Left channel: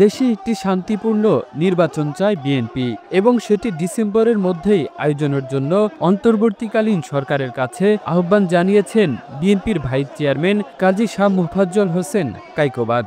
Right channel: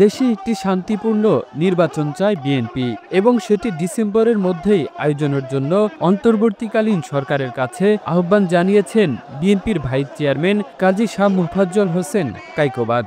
দেশে একটি শান্তিপূর্ণ নির্বাচন চায় বিএনপি এবং সেটি ডিসেম্বরের মধ্যেই আয়োজনের জন্য অন্তর্বর্তীকালীন সরকারের কাছে আহ্বান জানিয়েছেন বিএনপির ভাইস চেয়ারম্যান কাজী শাহ মোফাজ্জল হোসেন কায়কোবাদ।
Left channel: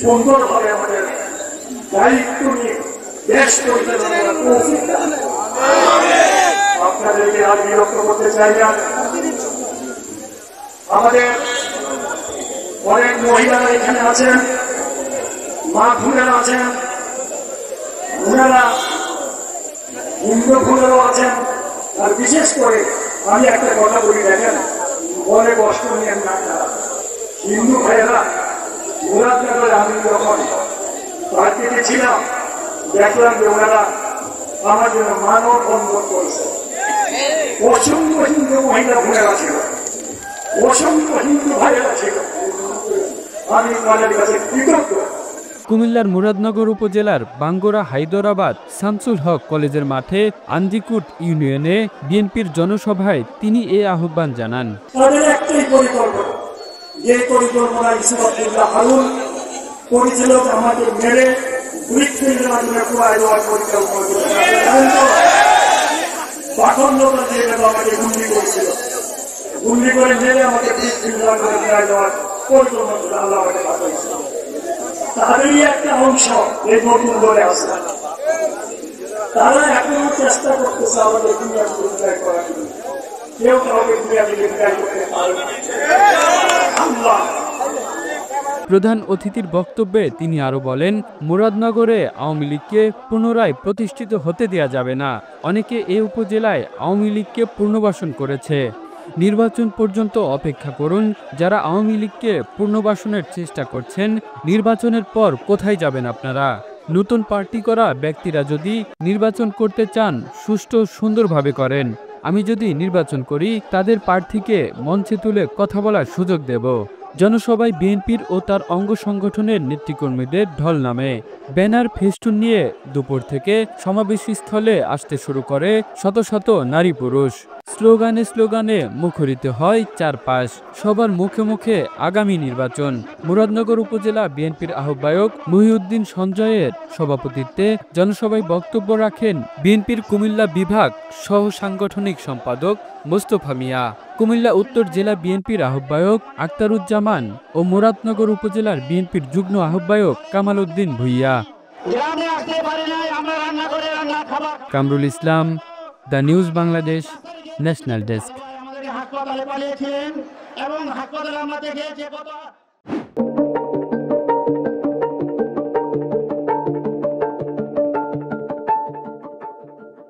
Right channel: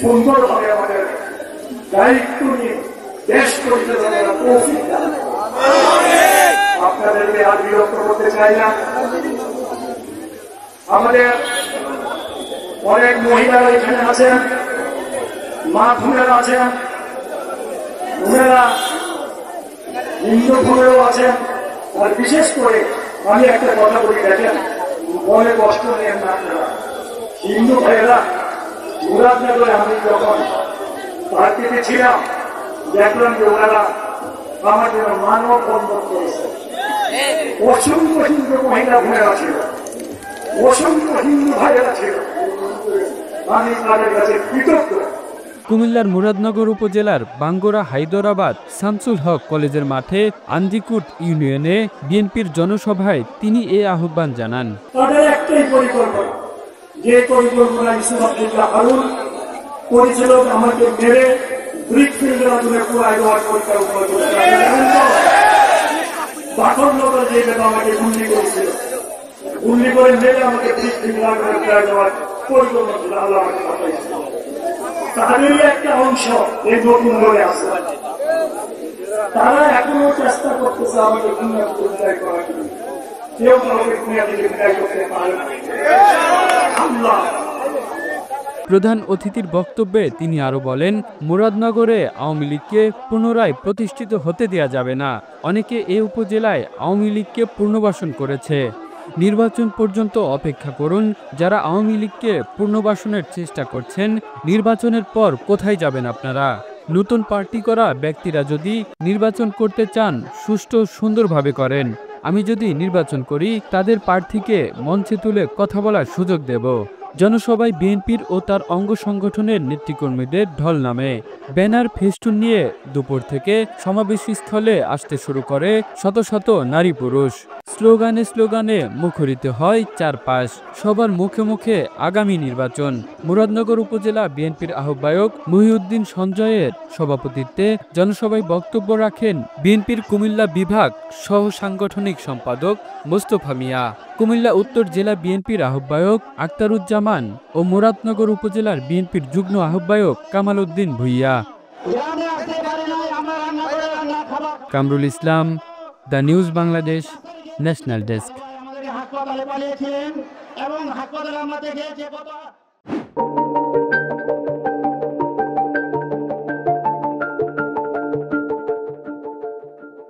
সুন্দরভাবে আমাদের দায়িত্ব নিয়ে দেশ পরিচালনা করছি। আপনাদেরকে আর বিরক্ত করতে চাই না। আমাদের অনেক মহিলারা এখানে আছেন, মা ভুলেরা আছেন, ওনারা হিন্দু ভুলেরাও আছেন। আর বিশেষ করে আমি একটা কথা বলি, দেখেন মনে কষ্ট নিয়ে না, হিন্দু ভাইয়েরা মুরাদনগরে আমি যখন পার্টিতে ছিলাম দেখলাম যে ওনারা আমার জন্য মানব বন্ধন করেছে। অসংখ্য হিন্দু মহিলা ভুলেরা ছিল, অসংখ্য হিন্দু ভাইয়েরা ছিল, আমি তাদের কাছে কৃতজ্ঞ। কুমিল্লার মুরাদনগর উপজেলার বাঙ্গুরা হায়দরাবাদ শামসুল হক কলেজের মাঠে আন্দিকুট ইউনিয়নে বিএনপির জনসভায় তিনি এ আহ্বান জানান। তাদের একটাই পরিকল্পনা, যে পরিকল্পনা ইসলাম হারুন করেছিল, আমাকে মেরে ব্রিক ফিরে দেওয়ার জন্য আমাকে গুলি করেছিল, গুলি করে মেরে আমাকে ব্রিক ফিরে দেওয়ার পরিকল্পনা আল্লাহ আমাকে। তাদেরই একটা অংশ এই নতুন বলে আছে, তারা এখনো চেষ্টা করতেছে আমাকে দুনিয়া থেকে বিদায় করার জন্য। কেউ আমাকে দুনিয়া থেকে বিদায় করতে পারে না। প্রধান অতিথির বক্তব্যে তিনি আরো বলেন, মুরাদনগরে আওয়ামী লীগকে পুনরায় প্রতিষ্ঠিত হতে দেয়া যাবে না। অনেকে এ উপজেলায় আওয়ামী লীগকে পুনর্বাসন করেছে। নির্বাচন পর্যন্ত অপেক্ষা করুন। যারা আওয়ামী লীগকে পুনর্বাসনের চেষ্টা করছেন, নির্বাচনের পর কোথায় যাবেন আপনারা? নতুন পার্টি করা ব্যক্তিরা যদি নির্বাচন করতে চান, সুষ্ঠু সুন্দরভাবে করেন। আমি যদি নির্বাচন করি, তাদের প্রার্থীকে মঞ্চে তুলে কথা বলার সুযোগ দেব। জনসভায় বিএনপির ও তার অঙ্গ সংগঠনের নেতৃকর্মীদের ঢল নামে। ব্যানার ফেস্টুন নিয়ে দুপুর থেকে সমাবেশস্থলে আসতে শুরু করে শত শত নারী পুরুষ। স্লোগানে স্লোগানে মুখরিত হয় চারপাশ। সবার মুখে মুখে আগামী নির্বাচন। মুরাদনগর উপজেলা বিএনপির আহ্বায়ক মহিউদ্দিন সঞ্জয়ের সভাপতিত্বে জনসভায় বক্তব্য রাখেন বিএনপির কুমিল্লা বিভাগ সহ সাংগঠনিক সম্পাদক মোস্তফা মিয়া, কুমিল্লা উত্তর জেলা বিএনপির আহ্বায়ক আক্তারুজ্জামান ও মুরাদনগর উপজেলার বিএনপির যুগ্ম আহ্বায়ক Kamal Uddin Bhuiya. Kamrul Islam, the news Bangladesh, national desk.